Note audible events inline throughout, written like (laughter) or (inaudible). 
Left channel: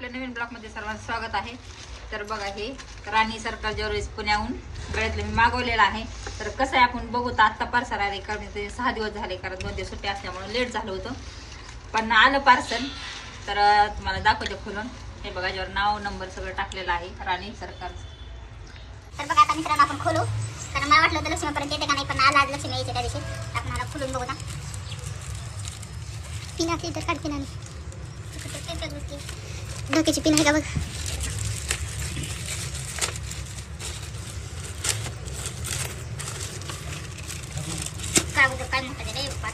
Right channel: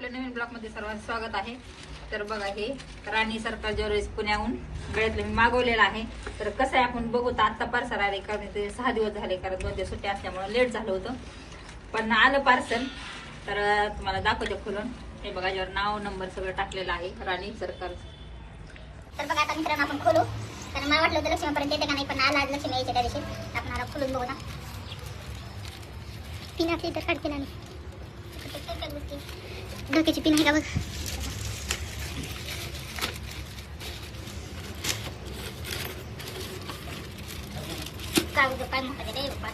आपल्या नवीन ब्लॉगमध्ये सर्वांचं स्वागत आहे. तर बघा हे राणी सर्कल ज्वेलरीज पुण्याहून. गळ्यातले मी मागवलेलं आहे. तर कसं आहे आपण बघू तर आत्ता पार्सल आले. कारण ते सहा दिवस झाले कारण दोन दिवस सुट्टी असल्यामुळे लेट झालं होतं. पण आलं पार्सल तर तुम्हाला दाखवते खोलून. हे बघा याच्यावर नाव नंबर सगळं टाकलेलं आहे. राणी सर्कल तर बघा आता मित्रांनो आपण खोलू. कारण मला वाटलं होतं लक्ष्मीपर्यंत येते का नाही पण आला आज लक्ष्मी यायचे त्या दिवशी. आपण आता खोलून बघू ना पिना तर काढते ना डोक्याची पिन आहे का बघ काय होतं काय म्हणतात रे बाप्पा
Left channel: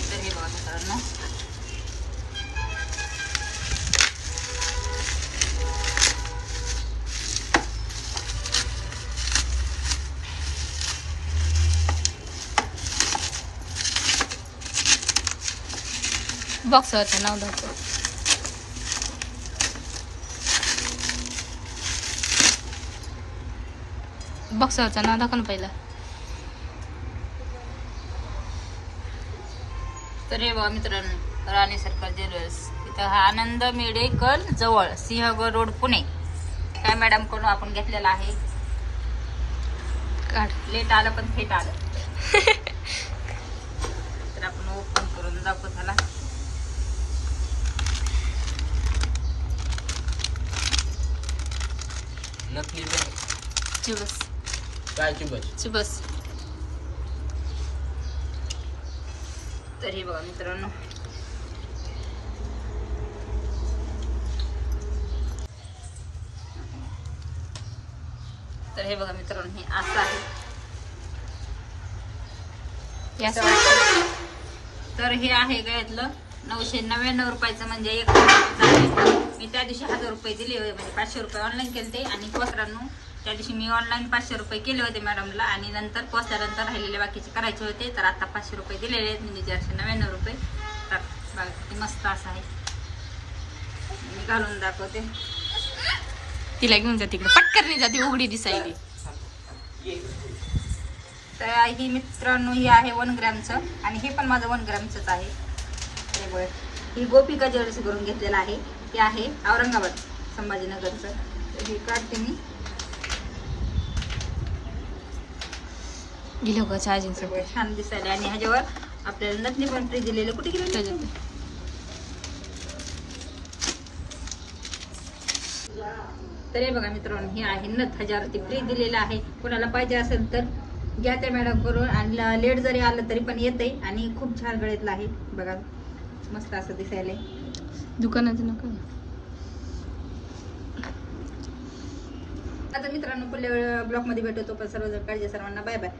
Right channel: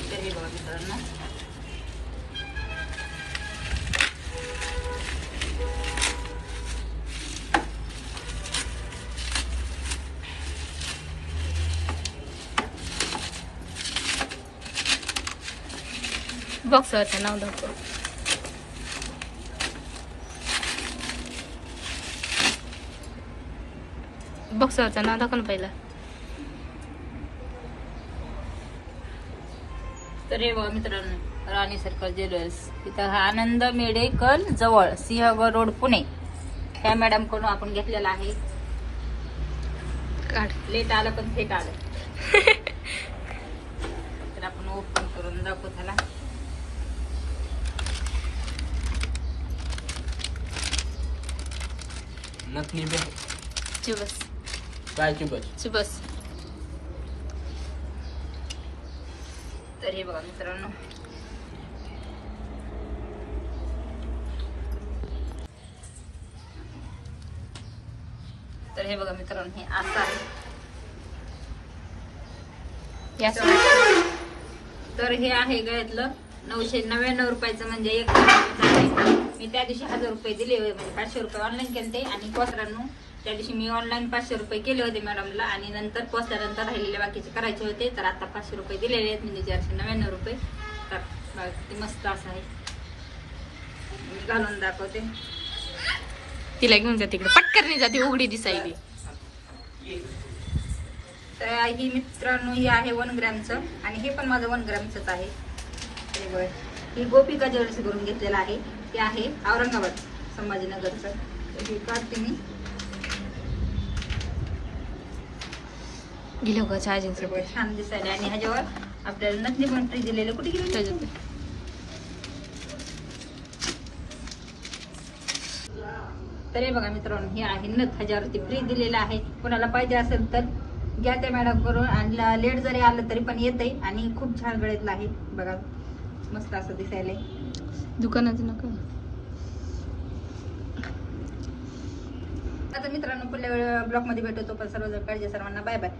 तर हे बघा मित्रांनो बॉक्सवरचं नाव दाखव. बॉक्सवरचं नाव दाखव ना पहिलं. तर हे बघा मित्रांनो राणी सर्कल ज्वेलर्स इथं हा आनंद मेडेकल जवळ सिंहगड रोड पुणे. काय मॅडम कोण आपण घेतलेला आहे? लेट आलं पण थेट आलं (laughs) तर आपण ओपन करून दाखवू त्याला नकली बस. चिबस कायची बस. चिबस तर हे बघा मित्रांनो. तर हे बघा मित्रांनो हे असं आहे. तर हे आहे गळ्यातलं नऊशे नव्याण्णव रुपयाचं म्हणजे एक आहे. मी त्या दिवशी हजार रुपये दिले होते. म्हणजे पाचशे रुपये ऑनलाईन केले ते आणि पोचरांनो त्या दिवशी मी ऑनलाईन पाचशे रुपये केले होते मॅडमला आणि नंतर पोचल्यानंतर राहिलेले बाकीचे करायचे होते. तर आता पाचशे रुपये दिलेले आहेत म्हणजे चारशे नव्याण्णव रुपये. तर मस्त असं आहे. घालून दाखवते. तिला घेऊन जा तिकडे. पटकरणी जाते उघडी दिसायली. तर ही मित्रांनो ही आहे वन ग्रॅमचं आणि हे पण माझं वन ग्रॅमचंच आहे. हे बघ. ही गोपिका ज्वेलर्स करून घेतलेलं आहे. हे आहे औरंगाबाद संभाजीनगरचं. हे काढते मी गेलो का चार्जिंग छान दिसायला. आणि ह्याच्यावर आपल्याला नथनी पण फ्री दिलेले कुठे गेले? त्याच्यात तर हे बघा मित्रांनो हे आहे नथ. ह्याच्यावरती फ्री दिलेलं आहे. कोणाला पाहिजे असेल तर घ्या ते मॅडम करून. आणि लेट जरी आलं तरी पण येते आणि खूप छान गळ्यातलं आहे. बघा. मस्त असं दिसायला दुकानाचं नका आता मित्रांनो पुढल्या ब्लॉगमध्ये भेटतो पण सर्वजण काळजी सर्वांना बाय बाय